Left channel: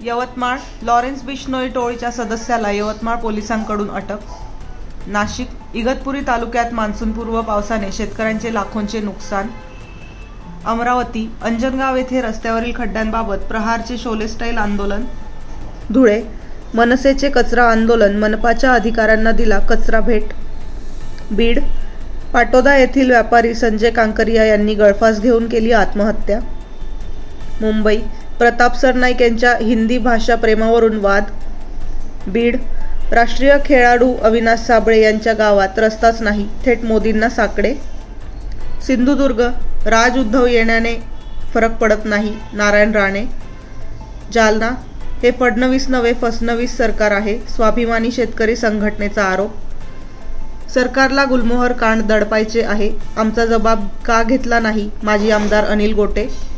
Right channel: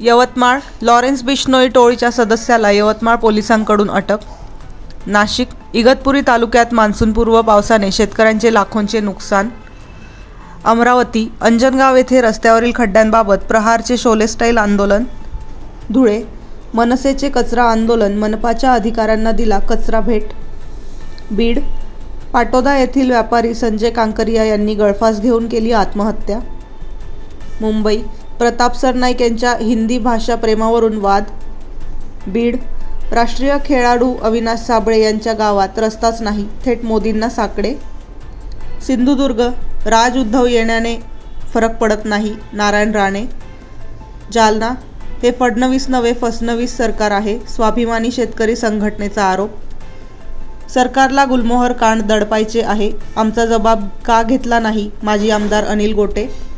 Yavatmal Lawrence Bishnoi टोळीच्या सदस्याला यवतमाळ पोलिसांकडून अटक. नाशिक इगतपुरी तालुक्यात मान्सूनपूर्व पावसाने शेतकऱ्यांचे लाखोंचे नुकसान. अमरावती अंजनगाव येथे रस्त्यावरील खड्ड्यांबाबत प्रहारचे शोले स्टाईल आंदोलन. धुळे मनसेचे कचरा आंदोलन, मनपाच्या अधिकाऱ्यांना दिला कचरा भेट. बीड पाटोदा येथील व्यापारी संजय कांकरिया यांनी गळफास घेऊन केली आत्महत्या. मुंबई प्रताप सरनाईक यांच्या हिंदी भाषा प्रेमावरून वाद. बीड राष्ट्रीय खेळाडू अविनाश साबळे यांच्या गावात रस्ताच नाही, थेट मोदींना साकडे. सिंधुदुर्ग राज उद्धव येण्याने फरक पडत नाही, नारायण राणे. जालना हे फडणवीस नवे फसणवीस सरकार आहे, स्वाभिमानी शेतकरी संघटनेचा आरोप. सरकारला गुलमोहर कांड दडपायचे आहे, आमचा जबाब का घेतला नाही, माजी आमदार अनिल गोटे.